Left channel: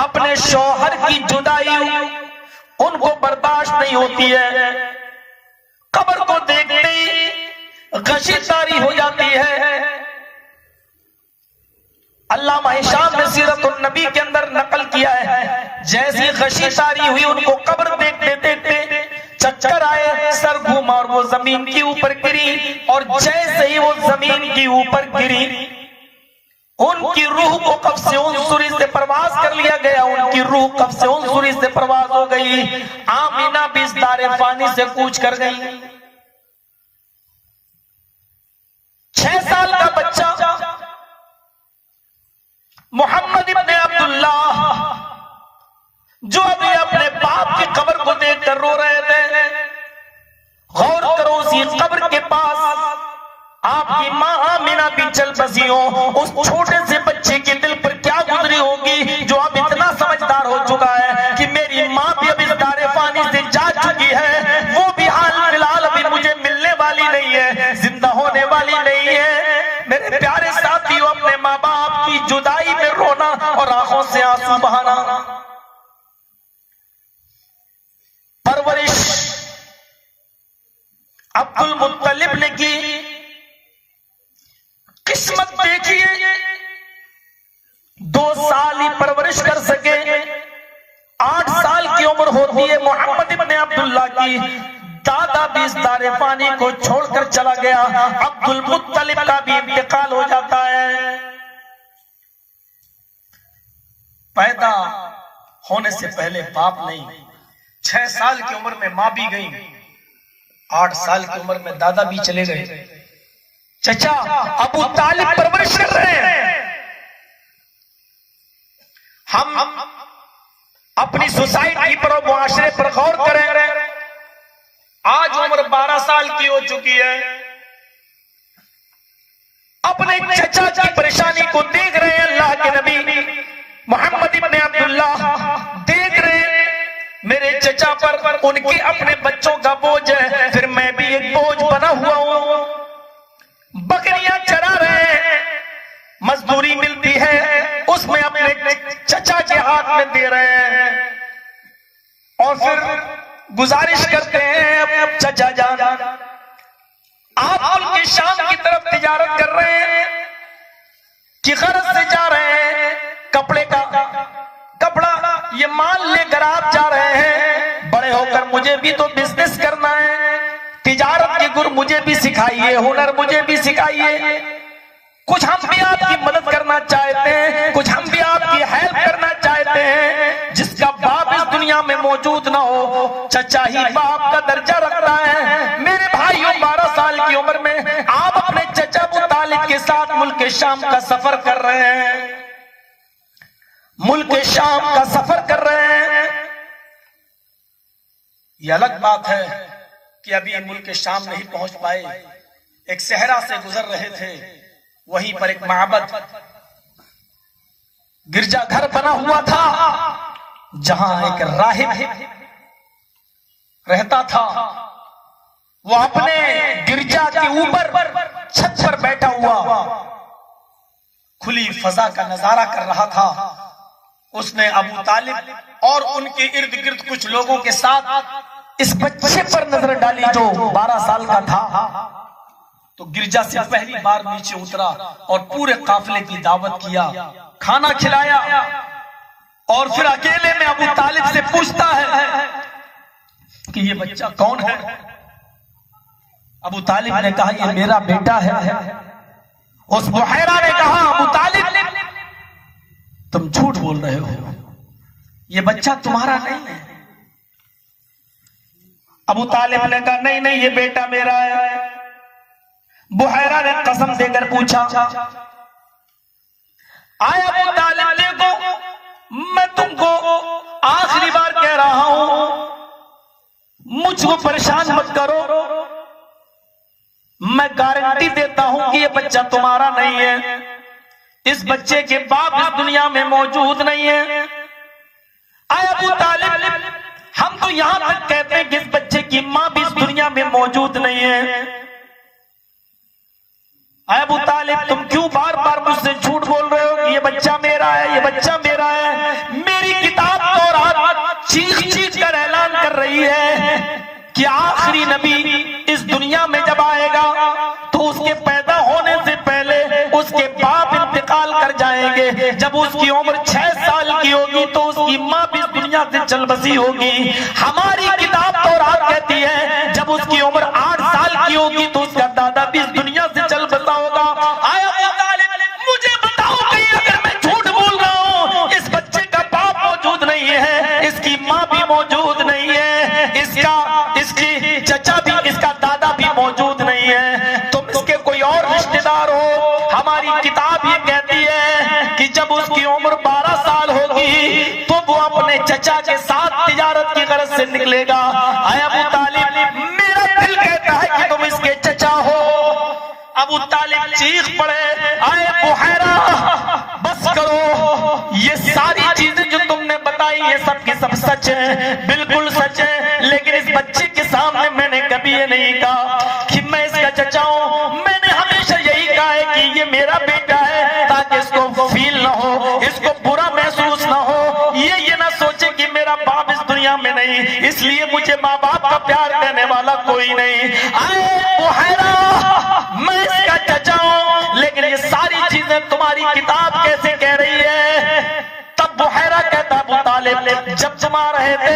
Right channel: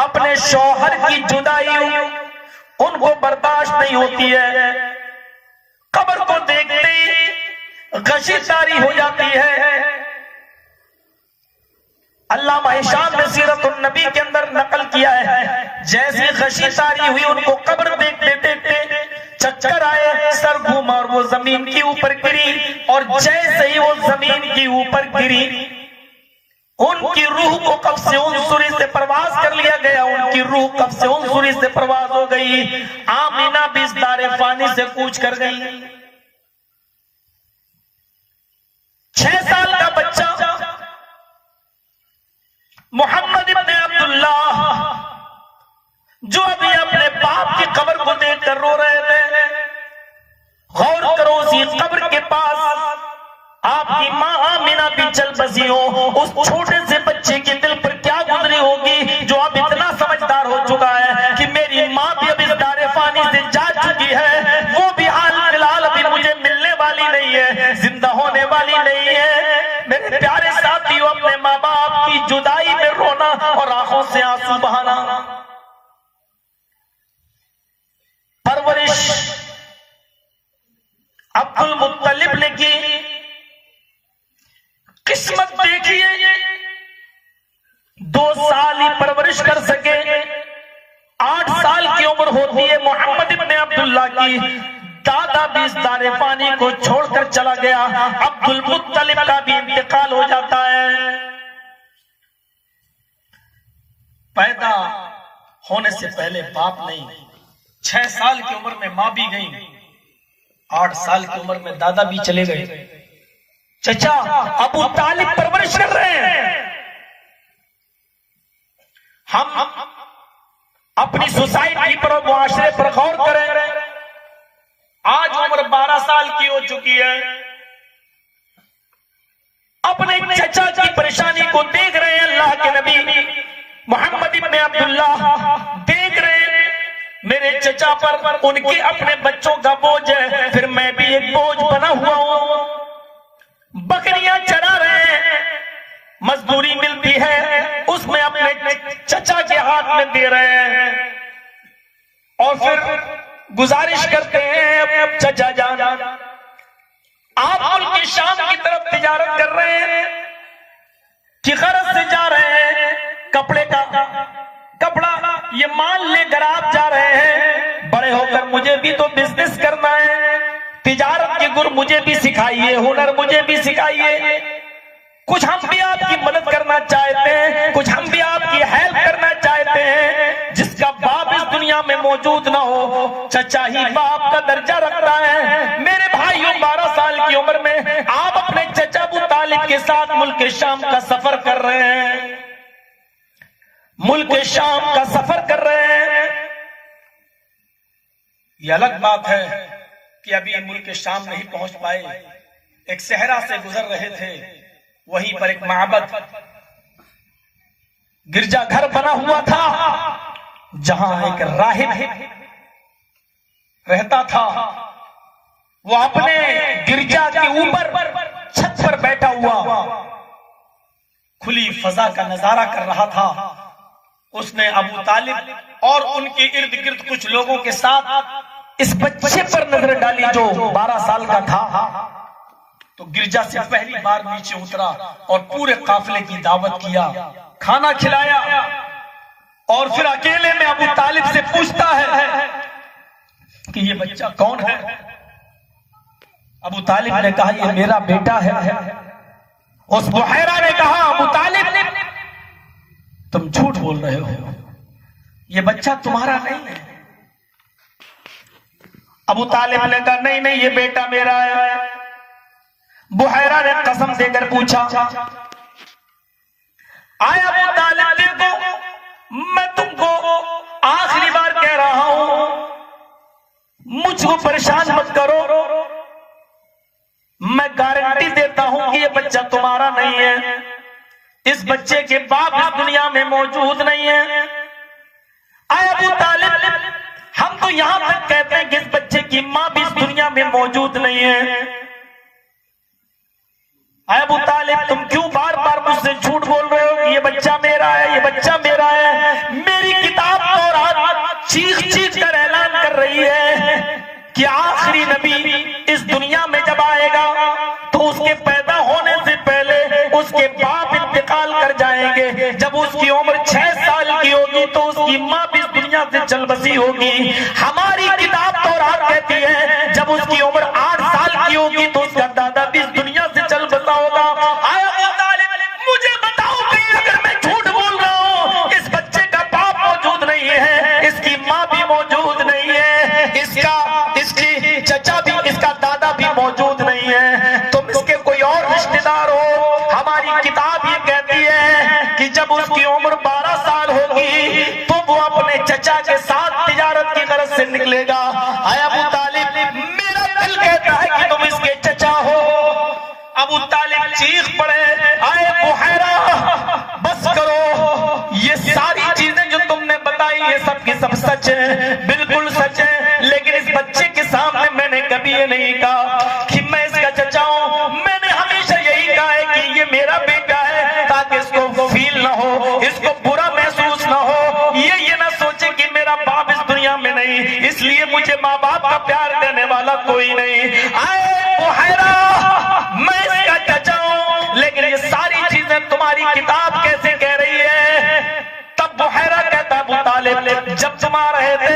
अपने शौहर की जुदाई उनको बर्दाश्त नहीं होती है। कब्र को देखते ही गशी तारी हो जाती है। अल्लामा हिशाम ने सीरतुन नबी के अंदर नकल किया है, जैसी गशी तारी हुई उनको कब्र देखते देखते चक्कर आए, सर घूमा और वो जमीन के ऊपर गिरी। और जैसे ही वो जमीन के ऊपर गिरी, उनकी रूह को कब्ज़ से उनसुरी से परवाज कर लिया गया। उनकी रूह कब्ज़ से उनसुरी से परवाज हो गई। आमीना भी इस दारे फानी से कूच कर गई। 6 साल का बच्चा मोहम्मद इब्ने अब्दुल्लाह, जो अभी अपने बाप की कब्र को देखकर रो रहे थे, गौर करो उसी कब्र के पास आपकी मां आमीना भी चल बसी हो। उस छोटे से बच्चे के दिल पर क्या गुजरी होगी, जो अब इतना समझदार हो चुका है कि मेरी मां भी अब इस दारे फानी से जा चुकी है, वो भी हाल फिलहाल अभी मुझे मिलने वाली नहीं है, जिंदा होने वाली नहीं है। मेरे प्यारे साथियों, अपने माँ बाप की जुदाई में रोना और आंखों से आंसू बहाना। परवरिश अब्दुल मुत्तलिब ने की, किस्मत देखिए 2 साल ही परवरिश कर सके। 8 साल की उम्र होती है मोहम्मद इब्ने अब्दुल्लाह की। दादा भी इस दारे पानी को छोड़कर चला गया। अब्दुल मुत्तलिब का भी इंतकाल हो जाता है। पैदा होने से पहले बाप नहीं, 6 साल की उम्र में मां भी गई, 8 साल की उम्र में दादा भी चले गए। चचा अबू तालिब परवरिश कर रहे हैं। हम अपनी सोसाइटी पर और मुआशरे पर गौर करें। आज उम्र 12 साल की हो चुकी है। अपने चचा की परेशानी को देख रहे हैं। अल्लाह के नबी मोहम्मद इब्ने अब्दुल्लाह देख रहे हैं मेरे चचा पर उनके अपने बच्चों का बोझ है, फिर मैं भी एक बोझ बना हुआ हूं। बकरियां चरा रहे हैं, मजदूरी मिलती है, उसमें अपने चचा के हाथ में दे रहे हैं और फिर गुजारिश करते हैं, चचा जान आप मुल्क शाम की तरफ तिजारत कर रहे हैं कि गरज से जा रहे हैं, कपड़े का कपड़ा ये माल लेकर आप जा रहे हैं। बड़े होकर मुझे भी तो बिजनेस करना है, तिजारत के गुर मुझे भी सिखाइए, हुनर मुझे भी सिखाइए। कुछ हम भी आपकी मदद करना चाहते हैं, कुछ हम भी आपकी हेल्प करना चाहते हैं। जिसका बाप इस दुनिया में मौजूद ना हो, चचा ही बाप का दर्जा रखता है। मेरे भाइयों, 12 साल की उम्र में आप अपने चचा अबू तालिब के साथ मुल्क शाम का सफर कर रहे हैं, मुल्क शाम का सफर कर रहे हैं। यह अलग बात है कि अभी मुल्क शाम नहीं पहुंच पाए, एक सहरा से गुजर रहे थे, वहीं पर एक माबद गिरजा घर बना हुआ था, जहां एक राहिब रहता था। वो अपने गिरजा के ऊपर छत पर बैठा हुआ खुली फजा का नजारा कर रहा था। उसने अबू तालिब और उनके इर्द गिर्द कुछ लोगों के साथ इस बच्चे पर नजर डाली जो 12 साल का था। तो गिरजा से पहली बार नीचे उतरा और पूरे काफिले की दावत किया, खाना खिलाया और फिर अकेले में अबू तालिब से पूछता है कि ये बच्चा कौन है। अबू तालिब ने कहा ये मेरा बेटा है। उस बुहैरा ने कहा अबू तालिब तुम झूठ बोल रहे हो, ये बच्चा तुम्हारा नहीं है। अबू तालिब ने कहा नहीं नहीं ये बेटा मेरा है। बुहैरा ने कसम देकर पूछा, आए अबू तालिब देखो, मैं तुमको आखिरी बार कह रहा हूं, मुझको परेशान मत करो, मैं गारंटी देता हूं कि ये बच्चा तुम्हारा नहीं है। इस बच्चे के बाप इस दुनिया में मौजूद नहीं है। आए अबू तालिब, हम तो यहां तक कहते हैं कि इस बच्चे की मां भी इस दुनिया में मौजूद नहीं है। आए अबू तालिब, तुम क्यों बार बार मुझसे झूठ बोल रहे हो कि ये बच्चा मेरा है, ये बच्चा मेरा है। मेरी रही है कि आखिरी नबी इस दुनिया में जब आएगा तो उसके पैदा होने से पहले उसके बाप इंतकाल कर जाएंगे। जब उसकी उम्र 6 साल की होगी तो उसकी माँ भी इस दुनिया से चल बसी होगी। हमारी किताब तौरात कहती है जब उसकी उम्र 8 साल की होगी तो उसका दादा भी इस दुनिया से चल बसा होगा। आया अबू तालिब, मुझे बताओ कि अगर मैं झूठ बोल रहा हूँ, इस बच्चे का बाप मौजूद नहीं है, इसकी माँ भी मौजूद नहीं है, इसकी चचा भी, इसका दादा भी मौजूद नहीं है, तुम इसके कोई और रिश्तेदार हो। हमारी किताब ये कहती है कि जब उसकी उम्र 12 साल होगी तो वो अपने चचा के साथ तिजारत की गरज से निकलेगा। आया अबू तालिब, मेरा दिल कहता है कि तुम इसके चचा हो। अबू तालिब चीख पड़े, आए बुहैरा बस करो, ये सारी चीजें जो तुमने बताई ये सब की सब सच है, बिल्कुल सच है, लेकिन इस बच्चे के सामने मैंने कभी ये नहीं कहा कि मैं इसका चचा हूं। मैंने हमेशा यही कहा है कि ये मेरा बेटा है, ताकि इसको फील ना हो, इसको बुरा महसूस ना हो, ये ना सोचे कि मेरा बाप इस दुनिया में नहीं, इसलिए मुझे माँ बाप का प्यार देने वाला कोई नहीं। आए बुहैरा, मैं इसका चचा हूं, लेकिन ये सारी चीजें तुम्हारी किताब कैसे कह रही है? तब बुहैरा कहता, अबू तालिब जब तुम आ रहे थे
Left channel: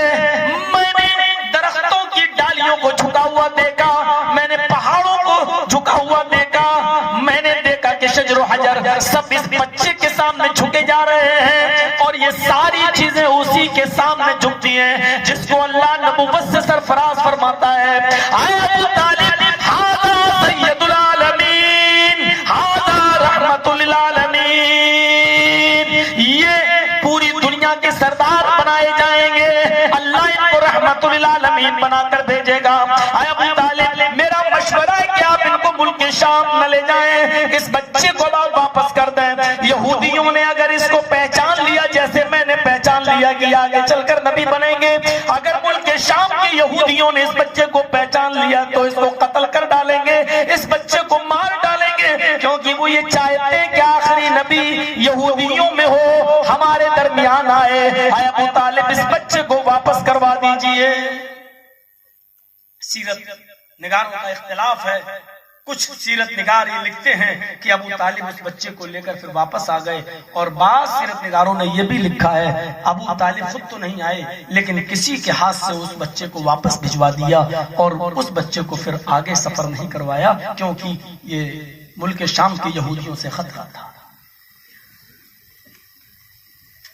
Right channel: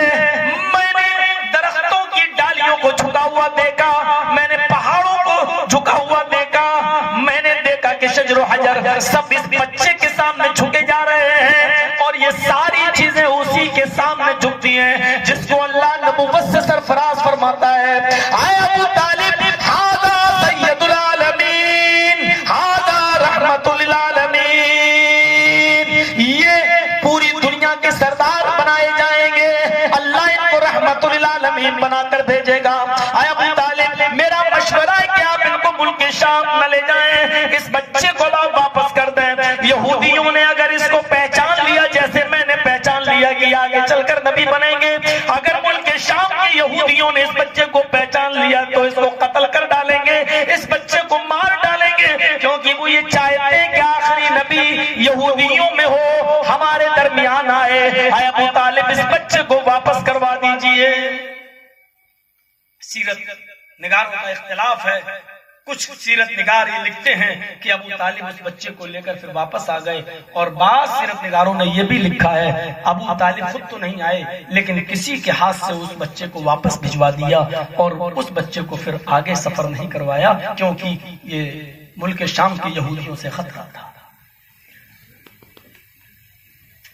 मैंने दरख्तों की डालियों को झुका हुआ देखा, मैंने पहाड़ों को झुका हुआ देखा, मैंने देखा कि शजर हजर सब इस बच्चे के सामने झुके जा रहे हैं, और ये सारी चीजें उसी के सामने झुकती हैं जिसको अल्लाह नबुव्वत से सरफराज फरमाता है। अबू तालिब, हादा सय्यदुल आलमीन, हादा रहमतुल लिल आलमीन, ये पूरी दुनिया के सरदार बनाए जाएंगे, अल्लाह इनको रहमतुल लिल आलमीन बनाकर भेजेगा। अबू तालिब, मेरा मशवरा है कि आप इनको मुल्क शाम न ले जाएं, इस बच्चे को वापस कर दें। यहूदियों ने अगर इसको पहचान लिया जैसे मैंने पहचान लिया कि आगे चलकर नबी बनेंगे, अगर मुल्क शाम के यहूदियों ने इस बच्चे को पहचान लिया तो इसको कत्ल कर डालेंगे, इस बच्चे को मार डालेंगे, क्योंकि वो ये चाहते हैं कि आखिरी नबी यहूदियों में हो, हमारे दरमियान आए। अबू तालिब, इस बच्चे को वापस करवा दीजिए। सीरत निगारों का इख्तिलाफ है, कुछ सीरत निगार ये लिखते हैं कि अबू तालिब उस बच्चे को लेकर फिर वापस आ गए, और बाद सीरत निगारों ने यह भी लिखा है अबू तालिब खुद तो नहीं आए, लेकिन किसी के हाथ से उस बच्चे को वापस भिजवा दिया, और उस बच्चे को फिर आगे सफर नहीं करवाया, क्योंकि ये मुल्क शाम के यहूदियों से खतरा था।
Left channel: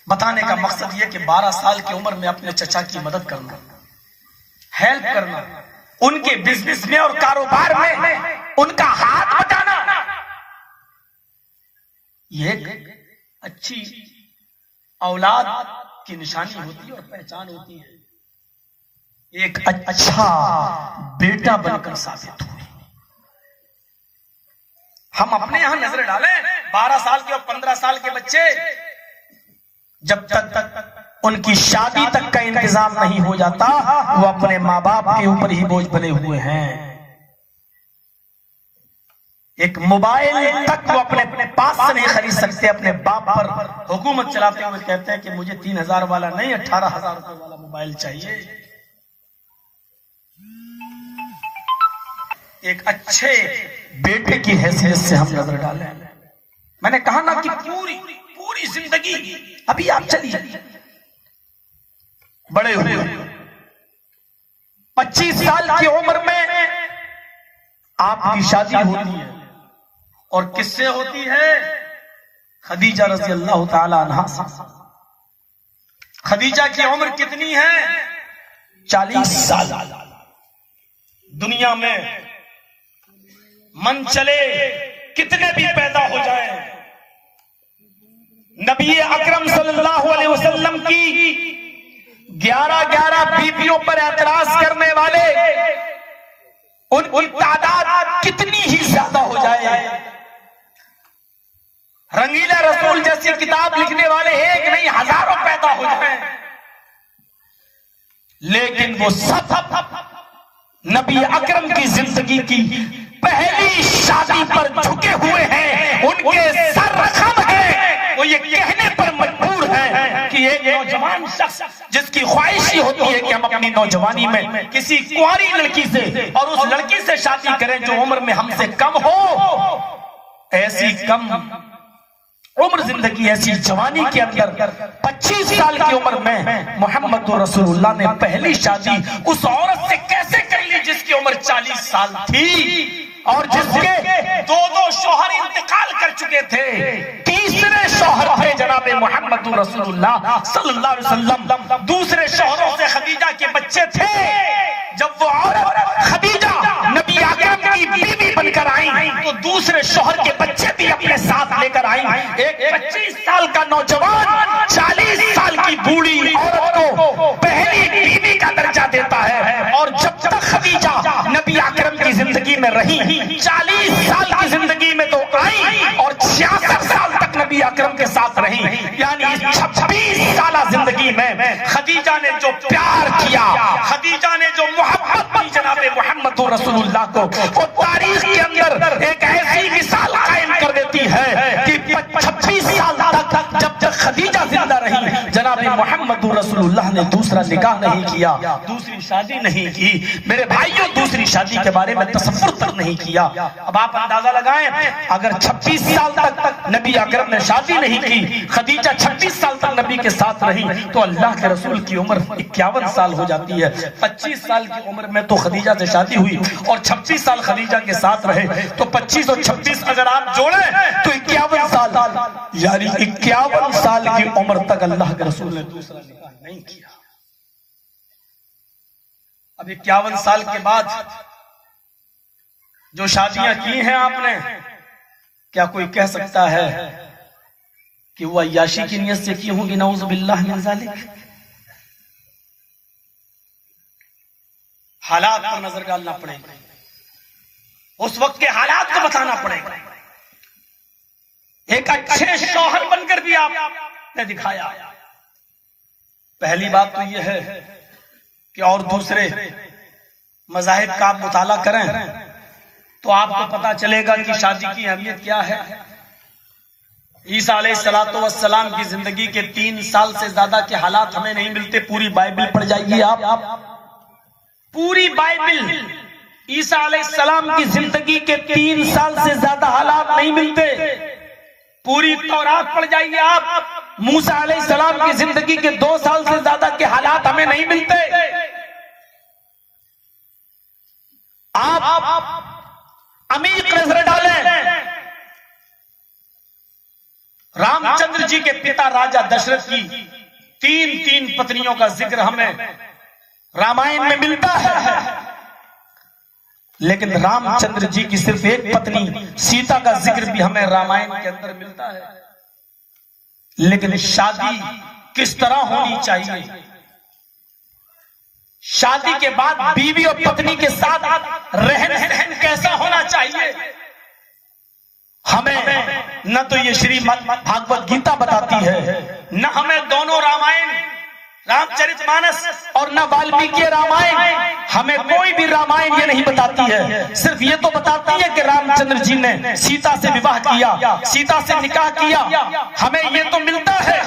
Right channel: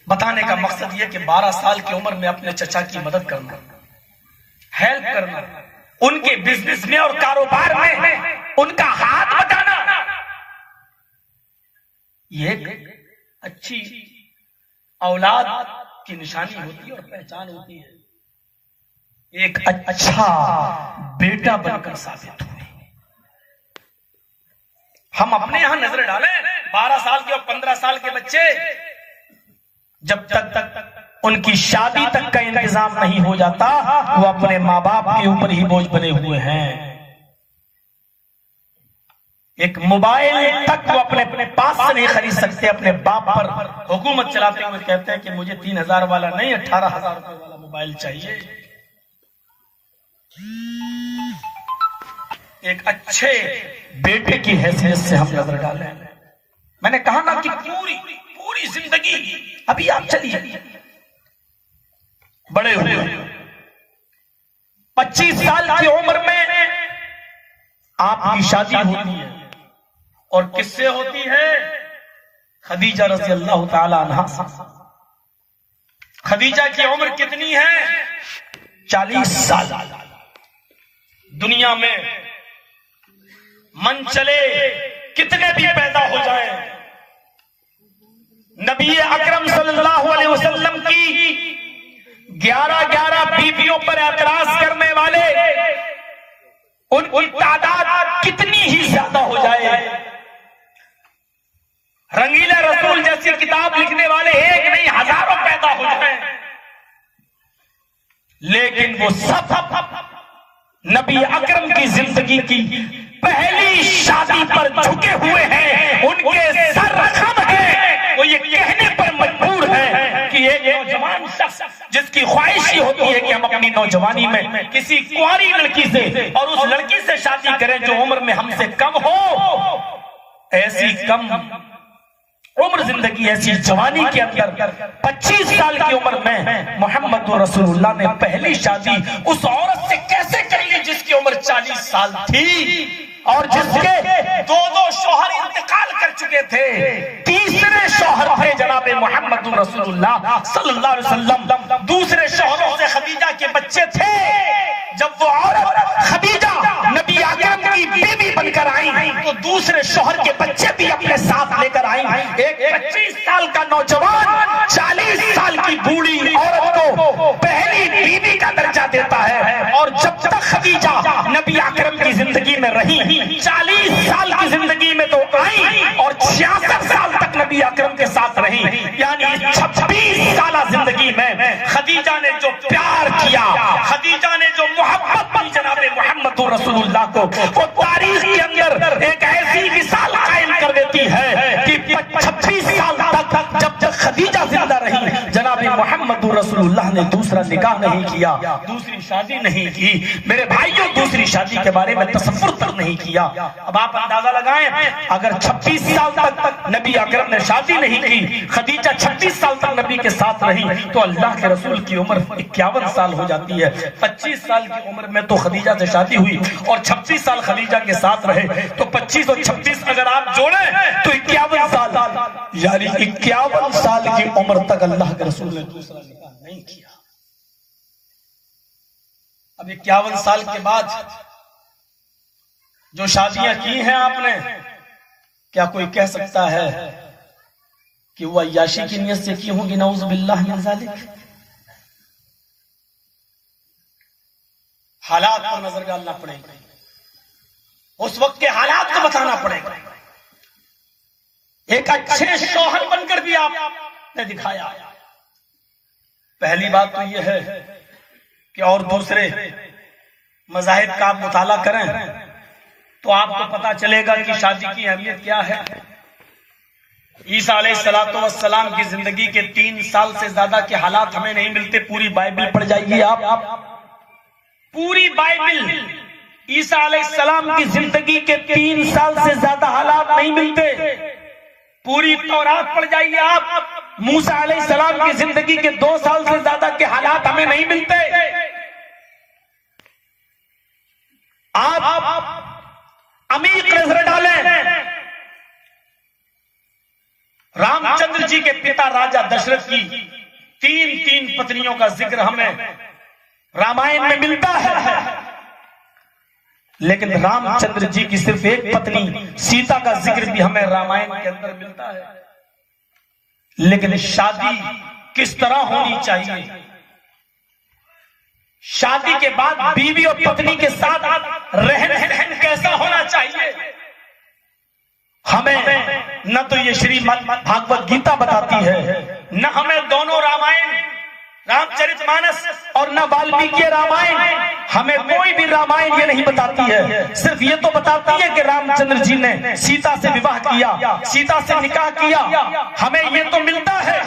बताने का मकसद यह कि 12 साल की उम्र में अपने चचा की मदद करना, हेल्प करना, उनके बिजनेस में और कारोबार में उनका हाथ बटाना, ये एक अच्छी औलाद की निशानी होती है और पहचान होती है। एक अच्छा बेटा बनकर साबित हुए। हम अपने यहां नजर डालें, 12 साल के और 15 साल के बच्चे जब तक उनकी शादी तक का इंतजाम नहीं हो जाता, वो अपने माँ बाप के ऊपर ही बोझ बने हुए हैं। एक मोबाइल तक वो अपने पास से नहीं खरीद सकते, अपने बाप पर हुकूमत चलाते हुए कहते हैं कि मुझे 3000 वाला नहीं 18,000 रुपए वाला मोबाइल चाहिए। एक अच्छे बेटे की हैसियत से हम नजर डालें। मैंने कहा ना कि पूरी जिंदगी, अभी आप चलिए बड़े हुए 25 साल की उम्र में आपकी शादी होती है, और किससे होती है? खदीजा रज़ी अल्लाह ताला अन्हा। खदीजा की उम्र कितनी है? 40 साल। दुनिया में मन चले कितने भी पैदा हो जाए, नबी अकरम सल्लल्लाहु अलैहि वसल्लम की 11 बीवियों पर एतराज करने वाले उनकी तादाद कितनी ही ज्यादा हो जाए, रंगीला रसूल जैसी किताब लिखने वाले एक नहीं हजारों पैदा हो जाए, लेकिन वो सब नबी अकरम की जिंदगी की पहली शादी पर झुके हुए हैं, उनके सर रखम है, वो ये कहने पर मजबूर है कि कोई एक नौजवान शख्स जिसकी ख्वाहिश ही होती है कि हम अपनी नौजवानी में किसी कुंवारी लड़की से और उस लड़की से शादी करें जो उम्र में हमसे कम हो, ऐसी कम उम्र जिंदगी, ऐसी जवानी के अंदर 25 साल की उम्र में मोहम्मद रसूलुल्लाह ने पहली शादी उस औरत से कैसे कर ली जिसकी उम्र 40 साल थी और जिसके दो शौहर इंतकाल कर चुके थे। तीसरे शौहर थे जनाबे मोहम्मद रसूलुल्लाह सल्लल्लाहु अलैहि वसल्लम। दूसरे शौहरों से खदीजा के बच्चे थे। जब वो औरत खदीजा नबी आकरम की बीवी बनकर आई तो दूसरे शौहर के बच्चे भी अपने साथ लेकर आई। एक 25 साल का नौजवान 40 साल की बूढ़ी औरत को पहली बीवी का दर्जा देता है। और जब तक खदीजा नबी आकरम की जिंदगी में रही, 40 साल की जिंदगी में तो आई और 66 साल तक नबी अकरम के साथ रही, यानी 26 साल जिंदगी में खदीजा ने जो प्यार किया, खदीजा ने जो मोहब्बत की जनाबे मोहम्मद रसूलुल्लाह को, वो तारीख के अंदर एक ऐसी मिसाल कायम कर देती है कि 26 साल तक जब तक खदीजा जिंदा रही, जनाबे मोहम्मद रसूलुल्लाह ने दूसरा निकाह नहीं किया, दूसरी शादी नहीं की। मेरे भाइयों, दूसरी शादी के बारे में तसव्वुर तक नहीं किया। अब आप अंदाजा लगाएं, अगर 26 साल तक नबी अकरम ने शादी नहीं की, खदीजा 26 साल तक नबी के साथ रही, तो अल्लाह के रसूल की उम्र 51 साल हो जाती है। 25 साल की उम्र में तो खदीजा से शादी हुई और 26 साल खदीजा के साथ रहे, तो 25 और 26 अगर आप जोड़ें तो 51 साल, यानी 51 साल की उम्र तक अल्लाह के रसूल ने दूसरा निकाह नहीं किया। अब 51 साल के बाद जो शादियां की हैं आपने, क्या कोई कह सकता है कि वो अय्याशी की नियत से की होंगी? नऊज़ बिल्लाह मिन ज़ालिक। हालात पर नजर डालना पड़ेगा, उस वक्त के हालात को बताना पड़ेगा। एक अच्छे शौहर बनकर भी आपने दिखाया। पहली बात तो यह है कि और दूसरे मज़ाहिब का आप मुताला करें तो आपको पता चलेगा कि शादी की अहमियत क्या है। ईसा अलैहिस्सलातु वस्सलाम की जिंदगी के 3 साल से ज्यादा के हालात हमें नहीं मिलते। पूरी बाइबल पढ़ जाइए आप, पूरी बाइबल ईसा अलैहिस्सलाम की जिंदगी के 3 साल से ज्यादा हालात नहीं मिलते। पूरी तौरात पढ़ जाइए आप, मूसा अलैहिस्सलाम की जिंदगी के 2 साल से ज्यादा के हालात हमें नहीं मिलते। आप अमीर नजर डालें, रामचंद्र जी के पिता राजा दशरथ की 3 पत्नियों का जिक्र हमें रामायण में मिलता है, लेकिन रामचंद्र जी की सिर्फ एक पत्नी सीता का जिक्र भी हमें रामायण के अंदर मिलता है। लेकिन शादी किस तरह होनी चाहिए, शादी के बाद बीवी और पत्नी के साथ रहन कैसा होना चाहिए, हमें न तो ये श्रीमद् भागवत गीता बताती है, न हमें दोनों रामायण रामचरितमानस और न वाल्मीकि रामायण, हमें कोई भी रामायण ये नहीं बताती है। सिर्फ ये तो बताती है कि रामचंद्र जी ने सीता से विवाह किया, सीता से निकाह किया, हमें ये तो मिलता है।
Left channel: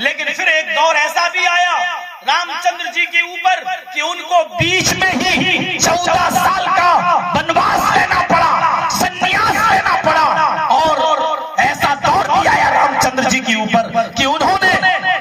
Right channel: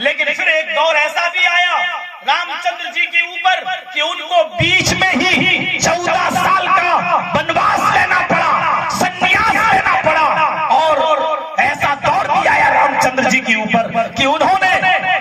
लेकिन फिर एक दौर ऐसा भी आया रामचंद्र जी के ऊपर कि उनको बीच में ही 14 साल का वनवास लेना पड़ा, संन्यास लेना पड़ा। और ऐसा दौर भी आया रामचंद्र जी के ऊपर कि उन्होंने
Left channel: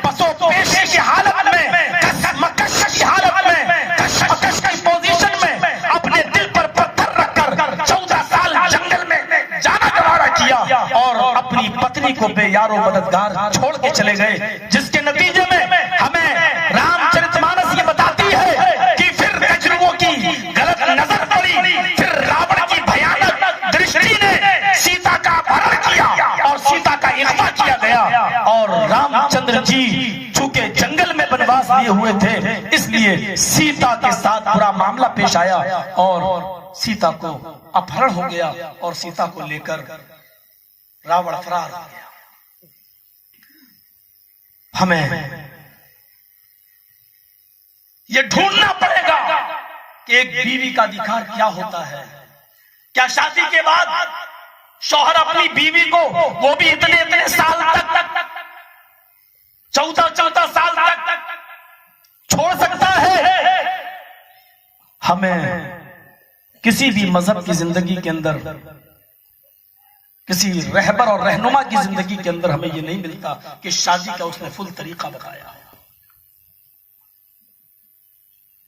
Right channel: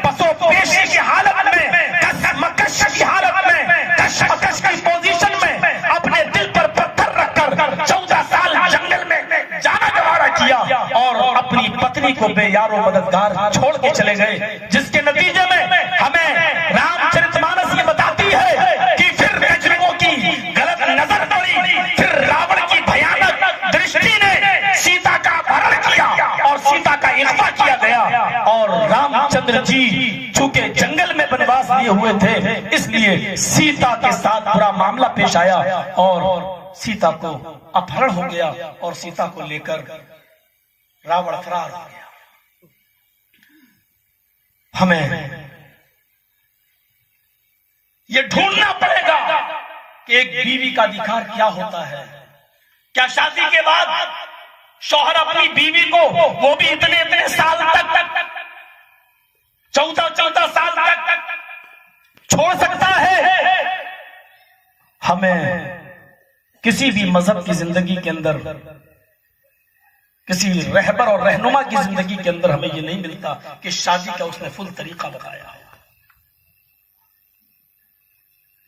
पसोपेशी की हालत में, कसमकश की हालत में, कशमकश की पोजीशन में अपने दिल पर पत्थर रखकर 14 साल जंगल में जाना गवारा किया और अपनी पत्नी को बेयारो मददगार छोड़ के चले गए, जिसके नतीजे में हमें रामचरितमानस ये बताती है कि फिर कजरुओं की गलत नजर पड़ी, फिर रावण की भयानक दृष्टि ने सीता का अपहरण किया और सीता का इख्फा किया गया। और रामचंद्र जी चूंकि जंगल में वनवास लिए हुए थे, इसलिए सीता के साथ बुरा मामला पेश आया और सीता को अपहरण हो गया और सीता को लेकर रावण फरार हो गया। हमें ये ढूंढना पड़ेगा कि एक बीवी का अधिकार क्या होता है। क्या शादी के बाद शौहर अपनी बीवी को, वो भी इतने साल तक 14 साल तक छोड़ सकता है। हमें किसी भी मजहब की जिंदगी के अंदर, किसी रहबर और रहनुमा की जिंदगी के अंदर हमें यह नहीं मिलता कि शादी का उसने फुल तरीका बताया।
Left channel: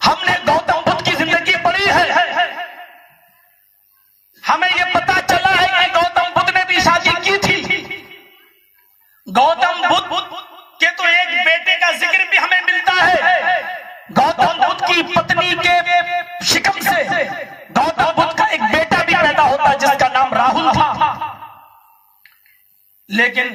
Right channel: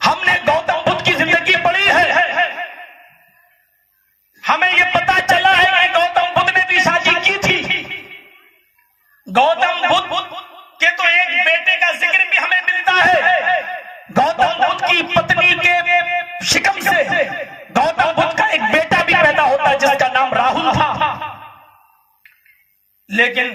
हमने गौतम बुद्ध की जिंदगी पढ़ी है, हमें यह पता चला है कि गौतम बुद्ध ने भी शादी की थी। गौतम बुद्ध के तो एक बेटे का जिक्र भी हमें मिलता है। गौतम बुद्ध की पत्नी के शिकम से गौतम बुद्ध का एक बेटा भी पैदा होता जिसका नाम राहुल था। लेकिन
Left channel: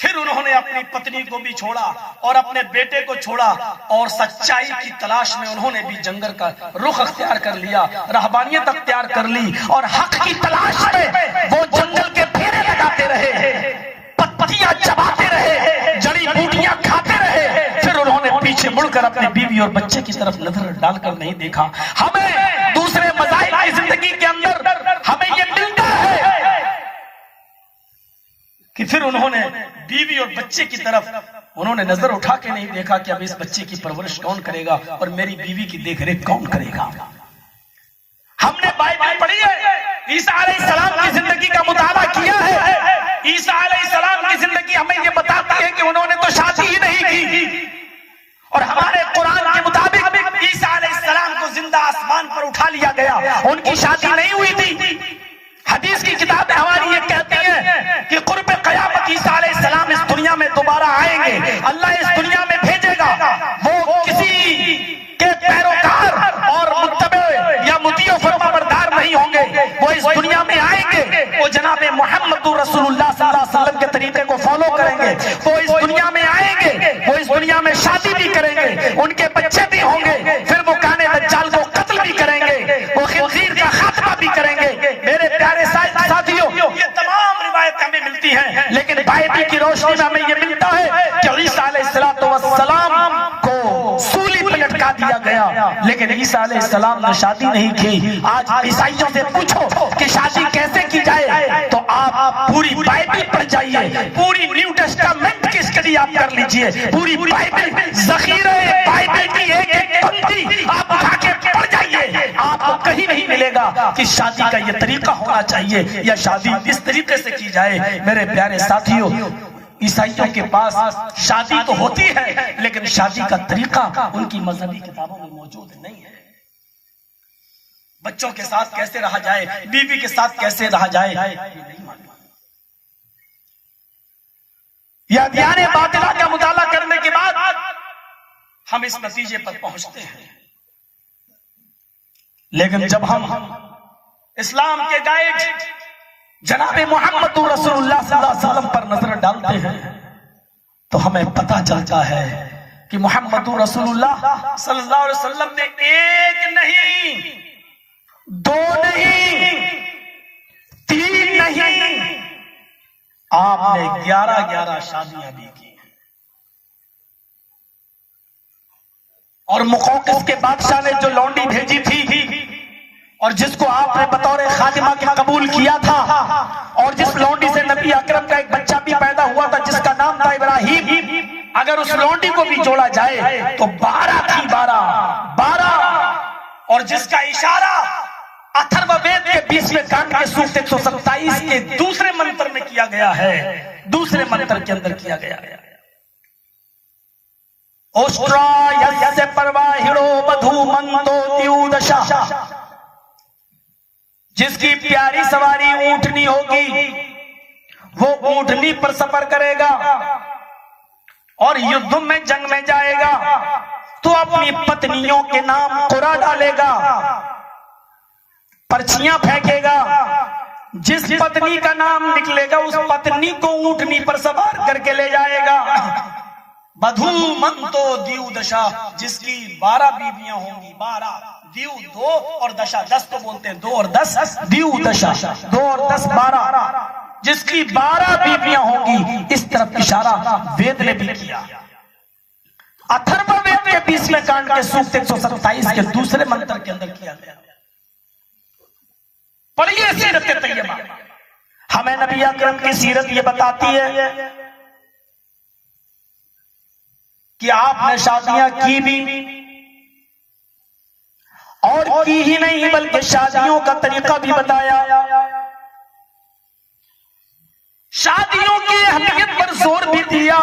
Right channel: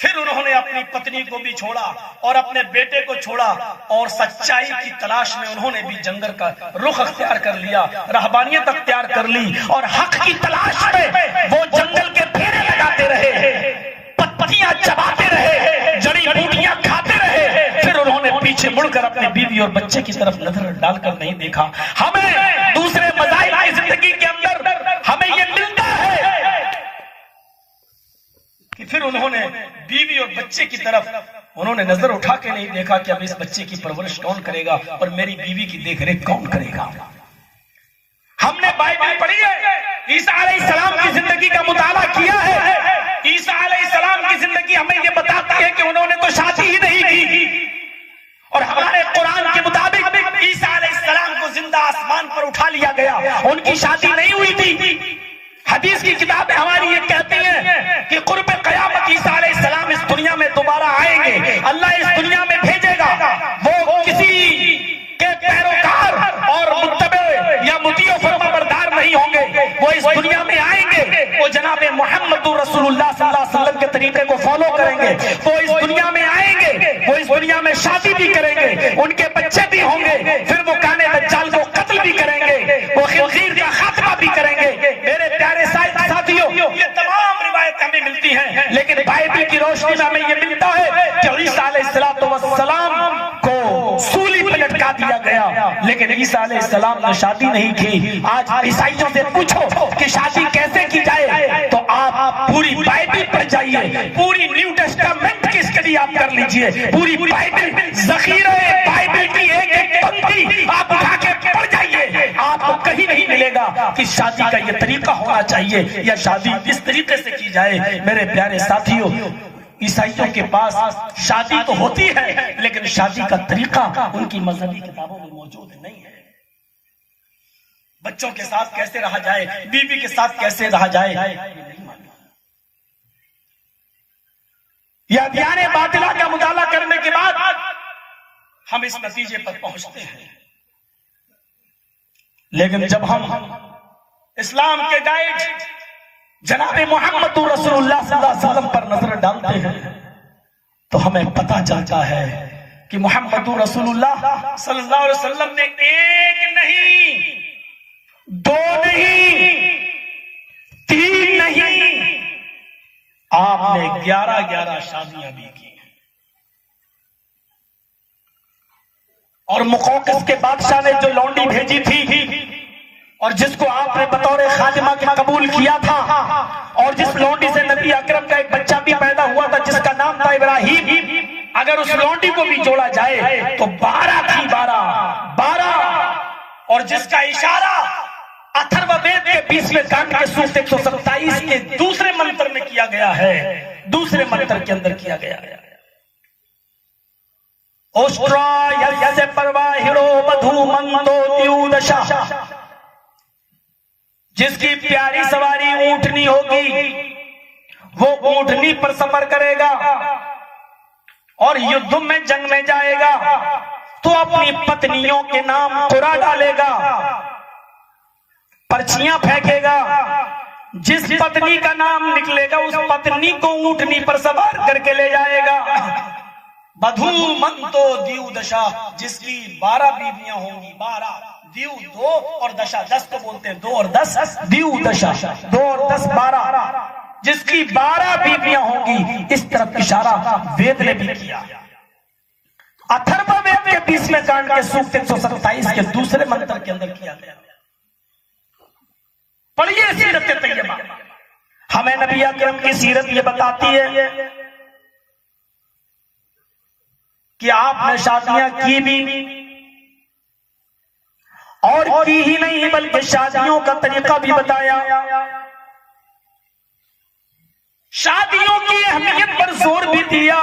फिर उन्होंने अपनी पत्नी को भी छोड़ा और अपने बेटे को छोड़ा और सच्चाई की तलाश में उन्होंने भी जंगल का रुख अख्तियार कर लिया, रहबानियत अख्तियार कर ली और हक की तलाश में वो जंगल के फेरे लगाते रहे, पत्तियां चबाते रहे, जड़ी बूटियां खाते रहे। फिर उन्होंने पीछे मुड़कर अपनी बीवी और बच्चे की तरफ नजर डालकर नहीं देखा। हमें दूसरे मज़ाहिब की जिंदगी के अंदर हमें यह मिलता है कि फिर उन्होंने बीवी और बच्चे की तरफ उन्होंने नजर उठा के नहीं देखा कि अब इस बच्चे की परवरिश कौन करेगा और मेरी बीवी की देखरेख कौन करेगा। हमने बाइबल पढ़ी है, ईसा अलैहिस्सलाम की जिंदगी का मुताला किया है। ईसा अलैहिस्सलाम की जिंदगी हमें यह बताती है कि उन्होंने तो शादी ही नहीं की और हमारे कुरान के मुताबिक ईसा अलैहिस्सलाम को जिंदा आसमान पर उठा लिया गया, उनकी शादी नहीं हुई थी। हदीस की किताब हमारी ये कहती है कि कुर्ब क़यामत ईसा अलैहिस्सलाम इस दुनिया में दोबारा आएंगे, अल्लाह इस दुनिया में भेजेगा। वो किसी के पैरोकार और मुत्तबे या मुतीओ फरमाबरदार नहीं होंगे, वो इस दुनिया में आएंगे, वो जनाबे मुहम्मदुर रसूलुल्लाह सल्लल्लाहु अलैहि वसल्लम के तरीके को फॉलो करेंगे। वो इस दुनिया में आएंगे, वो इस दुनिया में शादी भी करेंगे, उनके बच्चे भी होंगे, फिर वो काने दज्जाल को कत्ल भी करेंगे, वो खिंजीर का खात्मा भी करेंगे। मेरे प्यारे साथियों, ये तमाम रिवायतें हमें मिलती हैं, लेकिन बाइबल की रोशनी में हमें ये मिलता है कि ईसा अलैहिस्सलातु वस्सलाम को सूली पर लटका दिया गया, लेकिन ईसा अलैहिस्सलाम ने शादी नहीं की। आज ईसाइयों से पूछो कि शादी कैसे की जाए तो आप पूरी बाइबल पढ़ जाइए, पूरी न्यू टेस्टामेंट की स्टडी आप कर लीजिए, पूरी बाइबल ज़ख़ीरे बाइबल की एक पंक्ति आप उठा के पढ़ जाइए, आपको कहीं नहीं मिलेगा कि शादी का ये तरीका होना चाहिए या शादी इस तरीके से की जाए। मेरे प्यारे साथियों, ईसाइयों के पास शादी तो होती है लेकिन शादी का तरीका उनकी मजहबी किताबों में मौजूद नहीं है। बच्चों के साथ कैसे रहा जाए, बीवी के साथ कैसे रहा जाए, ये नहीं मालूम। यह अदयान बातिला का मुताला करने के बाद हम इस नतीजे पर पहुंचते हैं। लेकिन जब हम इस्लाम के गाइड जनाबे मुहम्मदुर रसूलुल्लाह सल्लल्लाहु अलैहि वसल्लम पर नजर डालते हैं तो हमें पता चलता है कि मुहम्मदुर रसूलुल्लाह सल्लल्लाहु अलैहि वसल्लम ने एक नहीं, दो नहीं, तीन नहीं, आपने 11 शादियां भी की। और मुक़ौक़िस के बादशाह ने जो लौंडी भेजी थी और जिसको आपने बतौर खादिमा के कबूल किया था और जिस लौंडी से नबी अकरम का एक बच्चा भी पैदा हुआ था जिसका नाम था इब्राहिम, अगर उस लौंडी को भी जोड़ा जाए तो 12 थी, 12 और जिसका इशारा अथर्ववेद के 20वें कांड के सूक्त 127 के दूसरे मंत्र में किया गया है, दूसरे मंत्र के अंदर किया गया है। ओष्ट्रा यस्य परवाहिरो बधू मंदो द्युदशा, जिसकी प्यारी सवारी ऊंटनी होगी वो ऊंटनी पर सफर करेगा और युद्ध में जंग में जाएगा तो अपनी पत्नियों के नाम कुरा डालेगा, पर्चियां फेंकेगा, जिस पत्नी का नाम निकलेगा उस पत्नी को ऊंटनी पर सवार करके ले जाएगा। बधू मंतो द्यू दशा, जिसकी 12 बीवियां होंगी, 12 द्यू 2 और दशा 10 को बोलते हैं, 2 और 10 द्यू दशा, 2 और 10 12, जिसकी 12 बीवियां होंगी। इस तरफ इशारा वेद ने भी किया। अथर्ववेद के 20वें कांड के सूक्त 127 के दूसरे मंत्र के अंदर किया गया। पढ़िए सीरत तैयबा, हमें नबी अकरम की सीरत ये बताती है कि आपने शादियां की भी और की ही नहीं बल्कि शादियों का तरीका भी बताया, शादियों की अहमियत पर जोर भी दिया।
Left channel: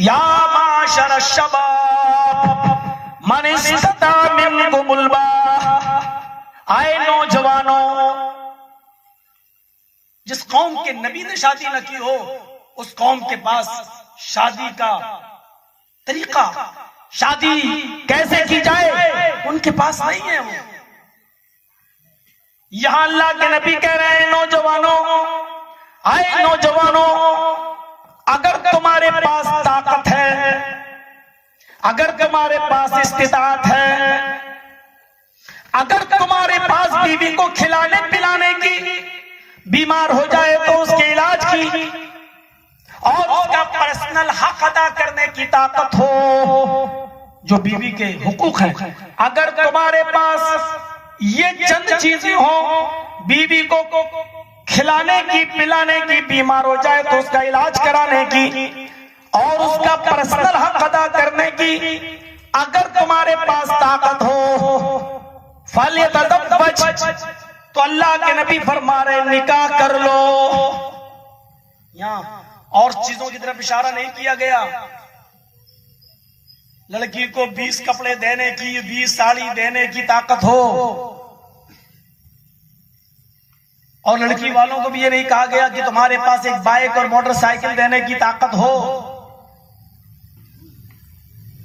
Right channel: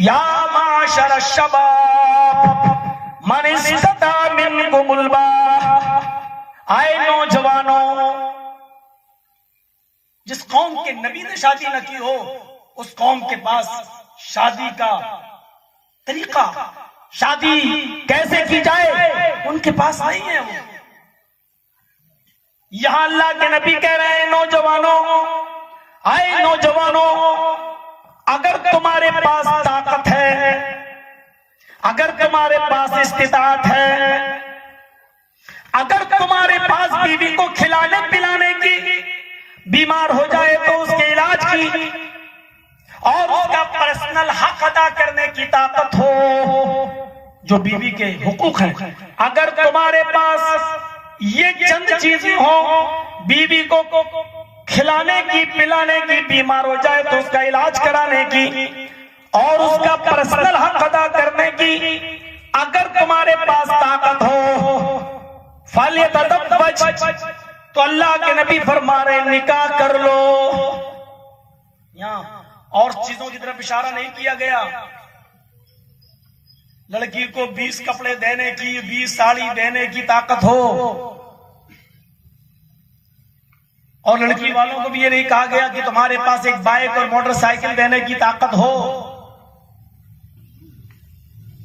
या माशर शबाब मन इस्तता मिनकुमुल बाह, आए नौजवानों, जिस कौम के नबी ने शादी न की हो उस कौम के पास शादी का तरीका, शादी कैसे की जाए उनके पास नहीं है। वो यहां अल्लाह के नबी कह रहे हैं नौजवानों, आए नौजवानों, अगर तुम्हारे पास ताकत है, अगर तुम्हारे पास इस्तिताअत है, अगर तुम्हारे पास बीवी को खिलाने पिलाने की, बीमार हो जाए तो उसके इलाज की और उसका पर्सनल हक अदा करने की ताकत हो, जो बीवी के हुकूक हैं, अगर तुम्हारे पास ये चंद चीजें हो, बीवी को खिलाने की पिलाने की, बीमार हो जाए तो उसका इलाज कराने की और उसका पर्सनल हक अदा करने की अगर तुम्हारे पास ताकत हो, फलियतज़व्वज, तो अल्लाह के नबी फरमा रहे निकाह कर लो। यहां और चीजों की तरफ इशारा नहीं किया गया। लड़की को 20 कपड़े देने की, 20 साड़ी देने की ताकत हो, और लड़की वालों को भी ये नहीं कहा गया कि तुम्हारे पास एक बाइक और मोटरसाइकिल देने की ताकत हो।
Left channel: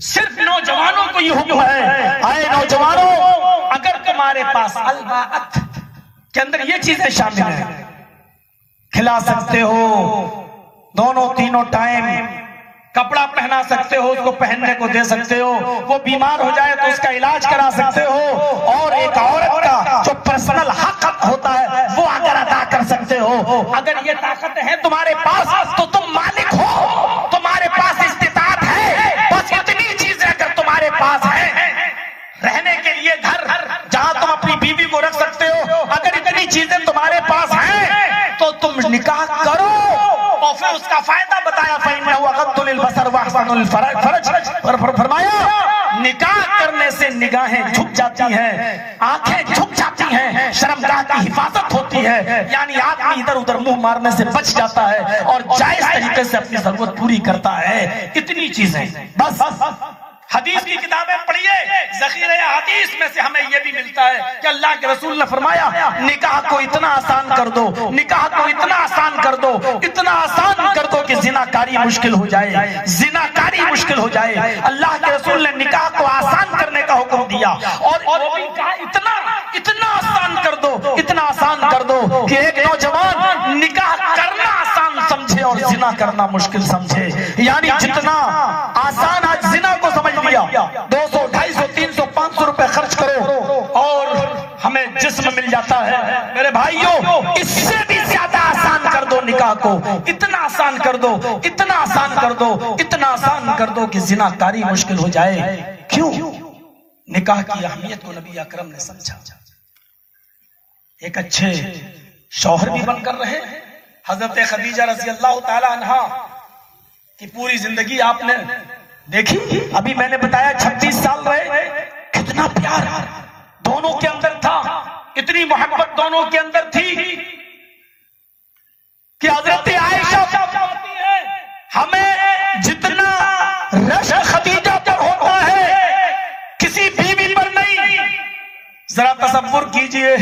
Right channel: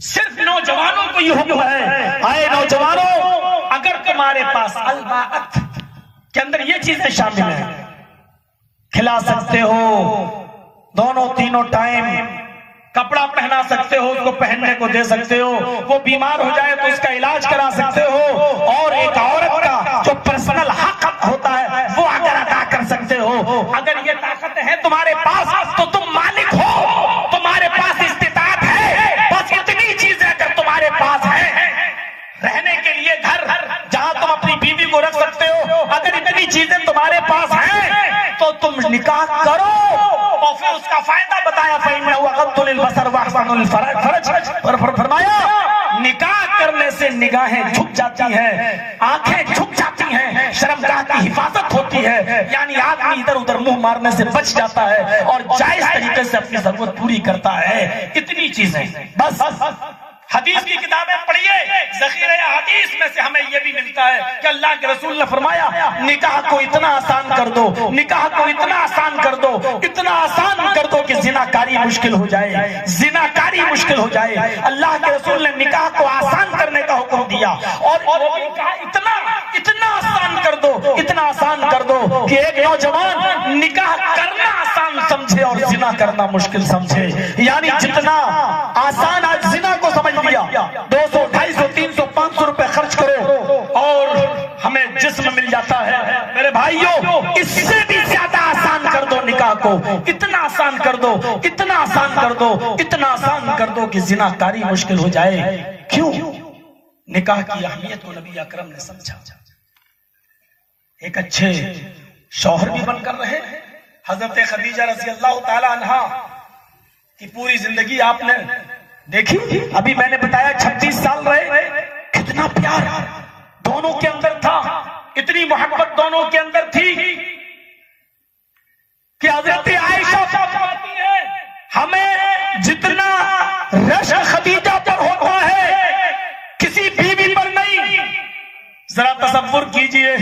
सिर्फ नौजवानों को ये हुक्म है, आए नौजवानों, अगर तुम्हारे पास अलबाअत के अंदर ये चीजें शामिल हैं, खिला सकते हो दोनों तीनों टाइम, कपड़ा पहना सकते हो, उसको पहनने को दे सकते हो, वो बीमार हो जाए तो उसका इलाज करा सकते हो, और एक औरत का जो पर्सनल हक होता है वो अगर अदा कर सकते हो, अगर ये ताकत है तुम्हारे पास तो तुम मालिक हो, तुम्हारे पास इस्तिताअत है। बस इतनी चीजें अगर तुम्हारे पास है, रहने के लिए घर जहां तुम अपनी बीवी को रख सकते हो, अगर इतनी चीजें तुम्हारे पास हैं तो तुम निकाह करो। और फिर उसका फायदा बताया, फरमाया निकाह करने से निगाहें झुक जाती हैं, आंखें झुक जाती हैं, शर्मगाह की हिफाजत होती है, यानी आदमी इधर उधर मुंह मारने से बच जाता है और जायज तरीके से अपनी जरूरत पूरी करता है। इतनी चीजें बस हदीस की किताबें पढ़िए, ज़ख़ीरे हदीस में से हमें यह भी मिलता है कि अल्लाह के रसूल ने फरमाया निकाह को इतना आसान कर दो, निकाह को इतना आसान कर दो, इतना आसान कर दो कि जिनाकारी मुश्किल हो जाए, जिनाकारी मुश्किल हो जाए। अल्लाह के रसूल ने निकाह को आसान करने का हुक्म दिया और इतना इतना आसान कर दो, इतना आसान कर दो कि एक नौजवान निकाह करना आसान समझे और जिना करना मुश्किल समझे। यानी जितना आसान आज जिना को समझ लिया, 200, 250, 300, 500 रुपए खर्च करो और हमें जिस्म मिल जाता है। मेरे भाइयों, इससे भी ज्यादा आसान कर दो निकाह को, इतना आसान कर दो, इतना आसान कर दो, इतना आसान कर दो कि जिनाकारी मुश्किल हो जाए। क्यों? निकाह की अहमियत को नबी अकरम ने समझा। एक अच्छे शौहर भी बनकर रहे। हजरत खदीजा रज़ी अल्लाह ताला अन्हा की पूरी जिंदगी आपने देखी। अभी मैंने बताया 36 साल रहे, कितना प्यार दोनों के अंदर था, इतनी मोहब्बत दोनों के अंदर थी कि हजरत आयशा कहती है हमें जितना रश खदीजा पर होता है किसी बीवी पर नहीं। जरा तसव्वुर कीजिए,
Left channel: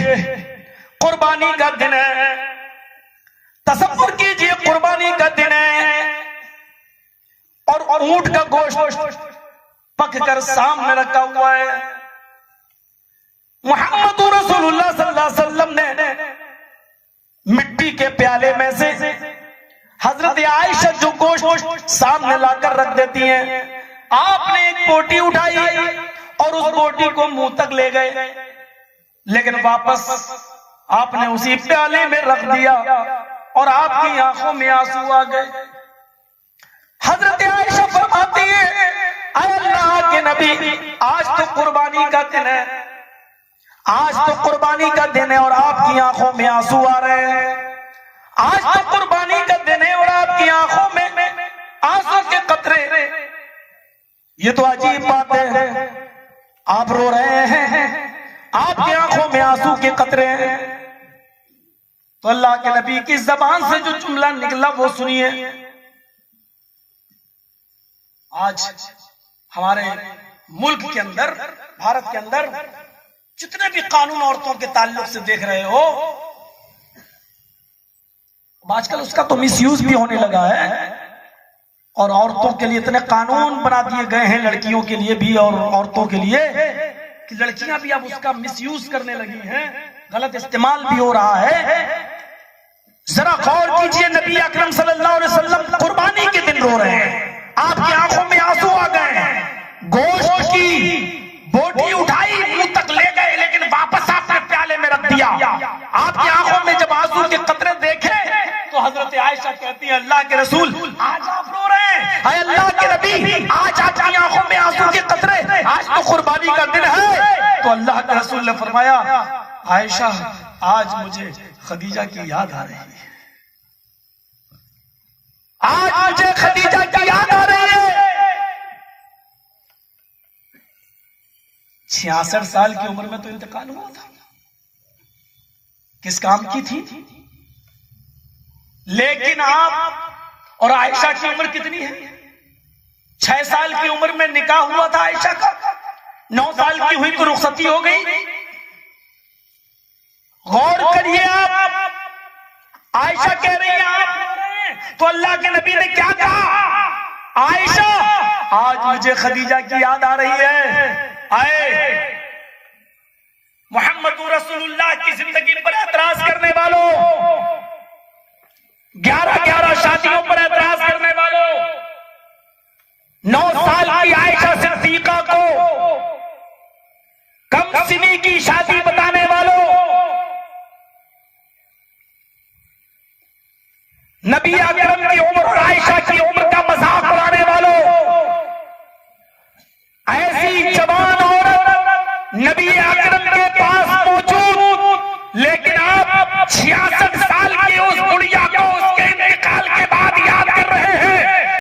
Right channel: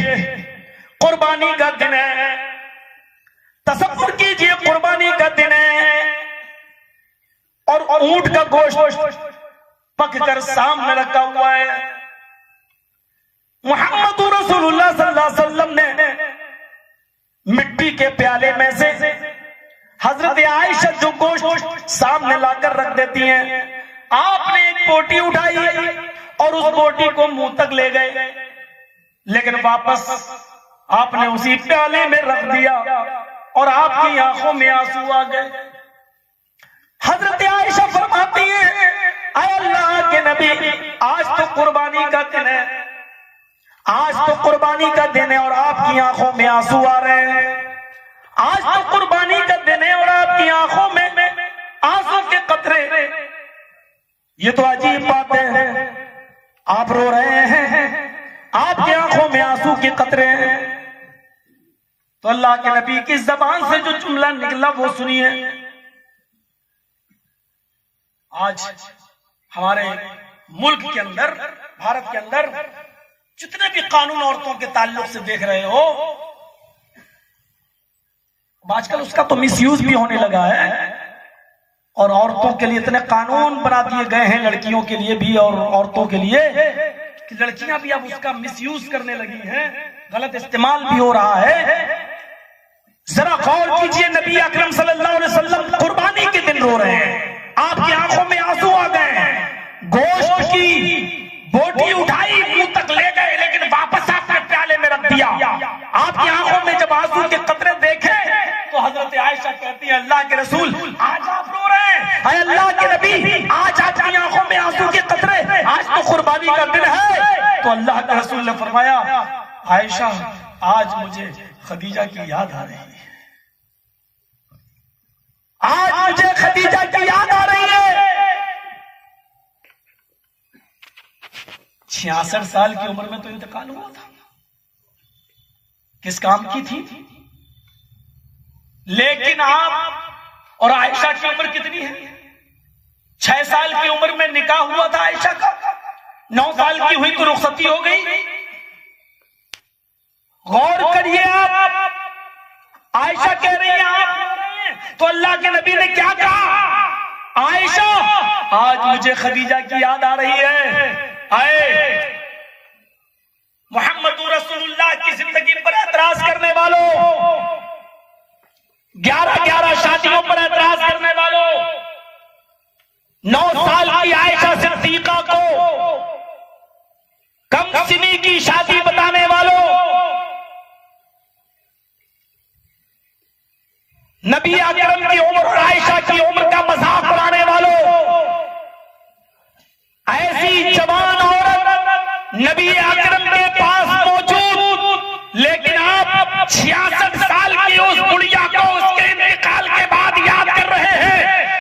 कुर्बानी का दिन है, तसव्वुर कीजिए कुर्बानी का दिन है और ऊंट का गोश्त पककर सामने रखा हुआ है। मुहम्मद रसूलुल्लाह सल्लल्लाहु अलैहि वसल्लम ने मिट्टी के प्याले में से हजरत आयशा जो गोश्त सामने लाकर रख देती हैं, आपने एक बोटी उठाई और उस बोटी को मुंह तक ले गए, लेकिन वापस आपने उसी प्याले में रख दिया और आपकी आंखों में आंसू आ गए। हजरत आयशा फरमाती है ऐ अल्लाह के नबी, आज तो कुर्बानी का दिन है, आज तो कुर्बानी का दिन है और आपकी आंखों में आंसू आ रहे हैं। आज तो कुर्बानी का दिन है और आपकी आंखों में आंसू के कतरे, ये तो अजीब बात है। आप रो रहे हैं, आपकी आंखों में आंसू के कतरे हैं। तो अल्लाह के नबी की जबान से जो जुमला निकला वो सुनिए। आज हमारे मुल्क के अंदर, भारत के अंदर जितने भी कानून औरतों के ताल्लुक से देख रहे हो, आजकल उसका तो मिसयूज भी होने लगा है और औरतों के लिए इतने कानून बना दिए गए हैं, लड़कियों के लिए भी और औरतों के लिए, कि लड़कियां भी अब उसका मिसयूज करने लगी हैं, गलत इस्तेमाल भी हो रहा है। जरा गौर कीजिए, नबी अकरम सल्लल्लाहु अलैहि वसल्लम कुर्बानी के दिन रो रहे हैं, आपकी आंखों में आंसू आ गए, गोश्त की बोटी उठाई मुंह तक ले गए, लेकिन वापस आपने प्याले में रख दिया। आपकी आंखों में जब आंसू के कतरे देखे तो हजरत आयशा कहती है, अल्लाह के रसूल आज आप रो रहे हैं, हाय अल्लाह के नबी आज आपकी आंखों में आंसू के कतरे, आज तो कुर्बानी का दिन है। तो अल्लाह के रसूल ने फरमाया, आयशा आज मुझे खदीजा की याद आ रही है, आज मुझे खदीजा की याद आ रही है। 66 साल की उम्र में तो इंतकाल हुआ था, किस काम की थी? लेकिन आप और आयशा की उम्र कितनी है? 6 साल की उम्र में निकाह हुआ था आयशा का, 9 साल की हुई तो रुखसती हो गई। गौर करिए आप, आयशा कह रही है आप रो रहे हैं, तो अल्लाह के नबी ने क्या कहा? आयशा आज मुझे खदीजा की याद आ रही है। आए मोहम्मद रसूलुल्लाह की जिंदगी पर एतराज करने वालों, 11 शादियों पर एतराज करने वालों, 9 साल की आयशा सिद्दीका को कम सिनी की शादी बताने वालों, नबी अकरम की उम्र और आयशा